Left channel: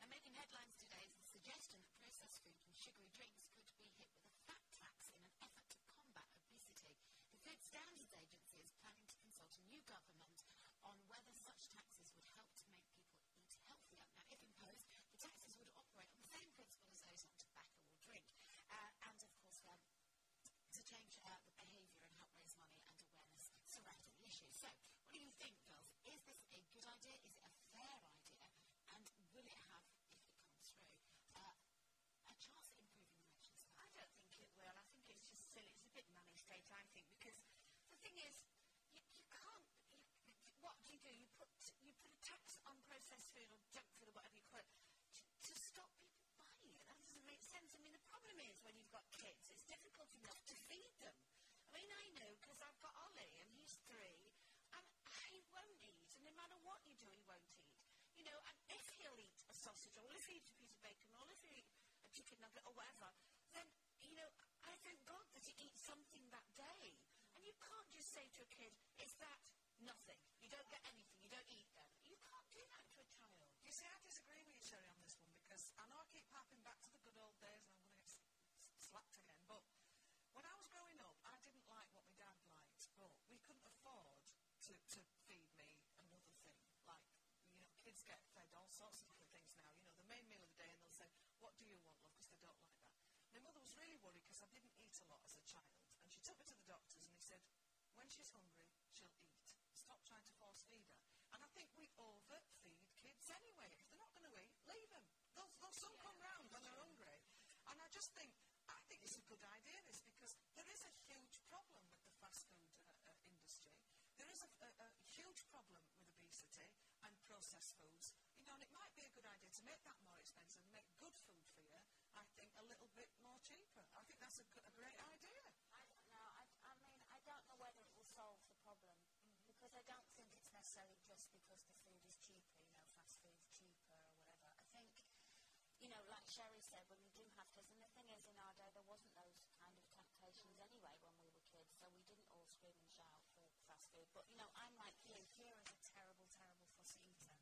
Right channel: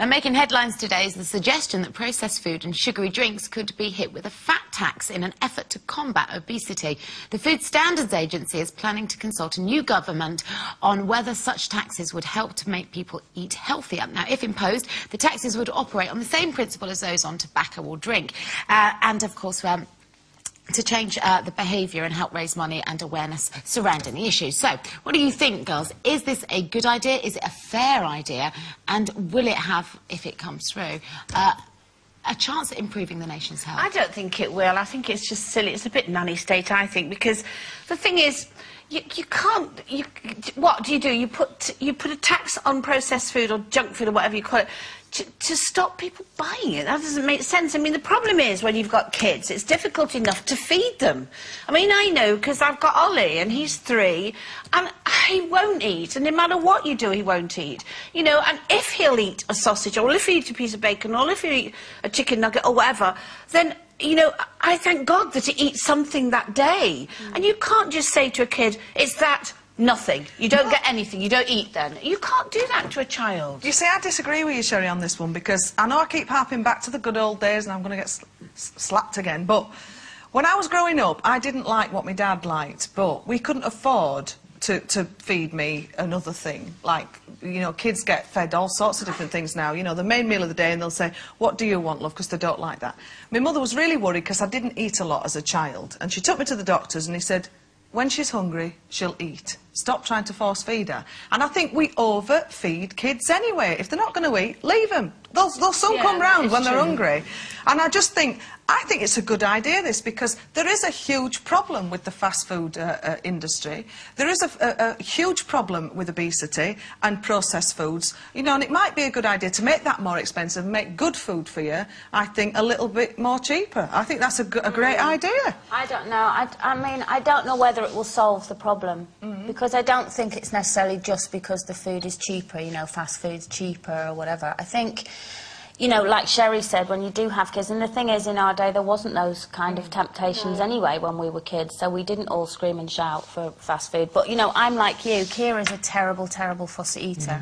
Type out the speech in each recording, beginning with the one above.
Now, making headlines today is the suggestion that processed food and sugary drinks could be hit with a fat tax in an effort to combat obesity. The Food Standards Agency is planning to consult a new government on whether such taxes would help to make people eat healthier. Now, if imposed, the taxes would operate on the same principle as those on tobacco or drink. And, of course, to change the behaviour and help raise money and awareness surrounding the issue. So, what do you think, girls? Is this a good idea? Is it a fair idea? And will it have, if it comes through, a chance at improving the nation's health? I don't think it will. I think it's just silly. It's a bit nanny state, I think, because the thing is, you can't... what do? You put a tax on processed food or junk food or whatever you call it to stop people buying it. That doesn't make sense. I mean, the problem is when you've got kids, it's difficult enough to feed them. I mean, I know, because I've got Ollie, and he's 3, and he won't eat, and no matter what you do, he won't eat. You know, and if he'll eat a sausage, or if he'll eat a piece of bacon, or if he'll eat a chicken nugget, or whatever, then... you know, I thank God that he eats something that day. And you can't just say to a kid, it's that, nothing. You don't get anything, you don't eat then. You can't do that to a child. You see, I disagree with you, Sherry, on this one, because I know I keep harping back to the good old days and I'm going to get slapped again, but when I was growing up, I didn't like what my dad liked, but we couldn't afford to feed me another thing. Like, you know, kids get fed all sorts of different things now. You know, the main meal of the day, and they'll say, what do you want, love, because they don't like that. My mother was really worried because I didn't eat a lot as a child, and she took me to the doctors and he said, when she's hungry, she'll eat. Stop trying to force feed her. And I think we overfeed kids anyway. If they're not going to eat, leave them. They'll soon come round when they're hungry. And I just think, I think it's a good idea, this, because there is a huge problem with the fast food industry. There is a huge problem with obesity and processed foods. You know, and it might be a good idea to make that more expensive, make good food for you, I think, a little bit more cheaper. I think that's a great idea. I don't know. I mean, I don't know whether it will solve the problem, because I don't think it's necessarily just because the food is cheaper, you know, fast food's cheaper or whatever. I think, you know, like Sherry said, when you do have kids, and the thing is, in our day, there wasn't those kind of temptations anyway when we were kids, so we didn't all scream and shout for fast food. But, you know, I'm like you. Kira's a terrible, terrible fussy eater.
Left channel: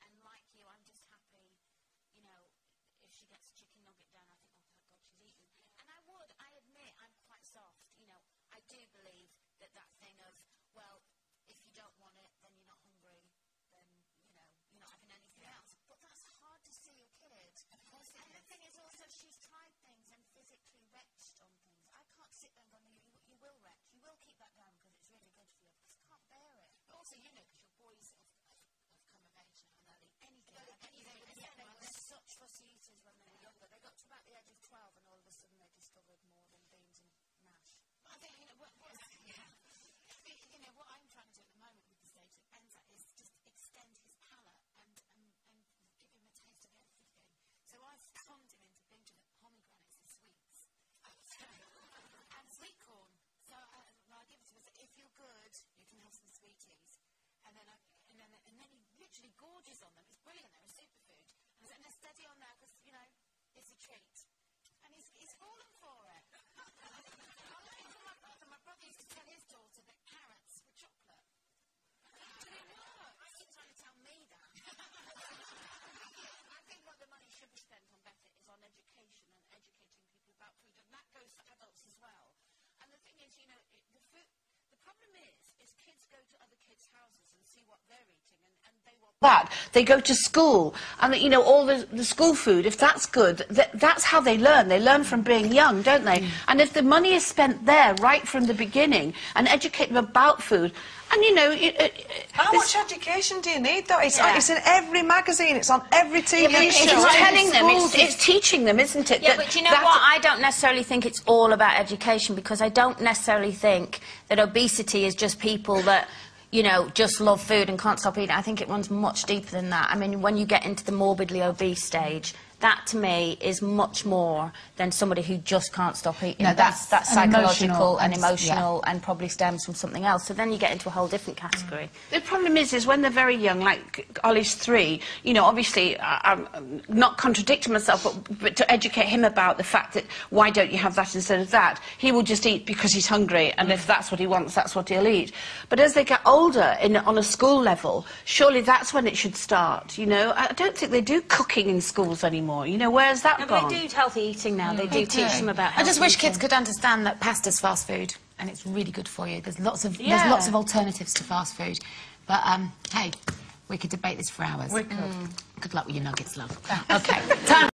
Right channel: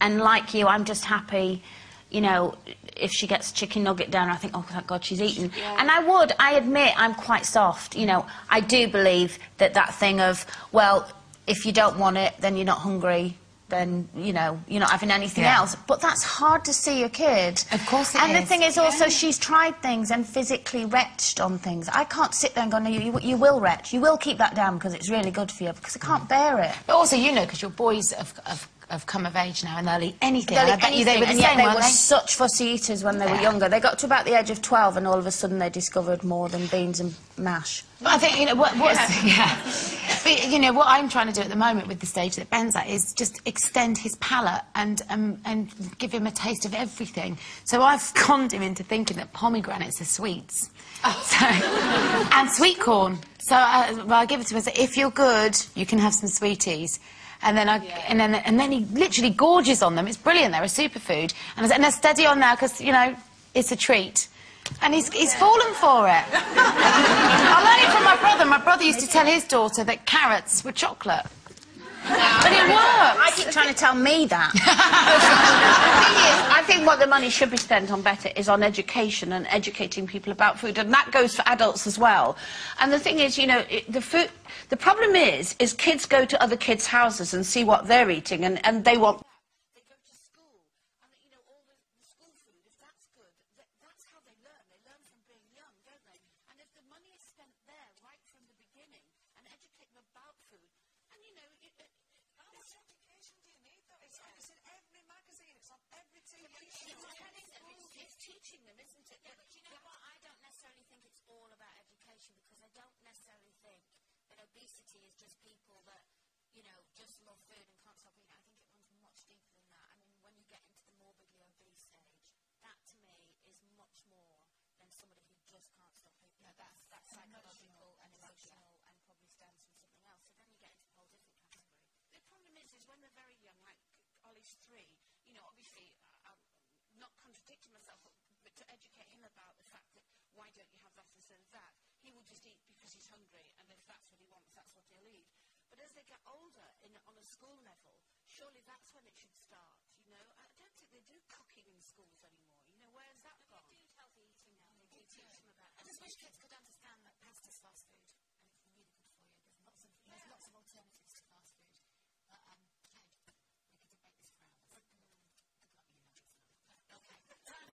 And like you, I'm just happy, you know, if she gets a chicken nugget down, I think, oh, thank God she's eaten. And I admit, I'm quite soft. You know, I do believe that thing of, well, if you don't want it, then you're not hungry, then, you know, you're not having anything else. But that's hard to see a kid. Of course it is. And the thing is also, she's tried things and physically retched on things. I can't sit there and go, no, you will retch. You will keep that down because it's really good for you, because I can't bear it. But also, you know, because your boys have come of age now and they'll eat anything. They'll I bet you they were the same, they weren't were they? such fussy eaters when they were younger. They got to about the age of 12 and all of a sudden they discovered more than beans and mash. But I think, you know, But, you know, what I'm trying to do at the moment with the stage that Ben's at is just extend his palate and give him a taste of everything. So I've conned him into thinking that pomegranates are sweets. So, and sweet corn. So I give it to him and say, if you're good, you can have some sweeties. And then and then he literally gorges on them. It's brilliant. They're a superfood. And they're steady on now because, you know, it's a treat. And he's fallen for it. I learned it from my brother. My brother used to tell his daughter that carrots were chocolate. But it works. I keep trying to tell me that. The thing is, I think what the money should be spent on better is on education and educating people about food, and that goes for adults as well. And the thing is, you know, the problem is kids go to other kids' houses and see what they're eating, and they want that. They go to school, and, you know, all the school food, if that's good, that's how they learn. They learn from being young, don't they? And if the money is spent there right from the beginning and educate them about food, and, you know... How much education do you need, though? It's in every magazine, it's on every TV show. It's telling them, it's teaching them, isn't it? Yeah, but you know what? I don't necessarily think it's all about education, because I don't necessarily think that obesity is just people that, you know, just love food and can't stop eating. I think it runs much deeper than that. I mean, when you get into the morbidly obese stage, that to me is much more than somebody who just can't stop eating. No, that's psychological and emotional yeah. and probably stems from something else. So then you get into a whole different category. The problem is when they're very young, like Ollie's 3, you know, obviously, I'm not contradicting myself, but to educate him about the fact that why don't you have that instead of that, he will just eat because he's hungry, and if that's what he wants, that's what he'll eat. But as they get older, on a school level, surely that's when it should start, you know? I don't think they do cooking in schools anymore, you know, where's that No, gone? but they do healthy eating now. They do teach them about healthy I just wish eating. kids could understand that pasta's fast food, and it's really good for you. There's lots of alternatives to fast food. But, hey, we could debate this for hours. We could. Good luck with your nuggets, love. OK, time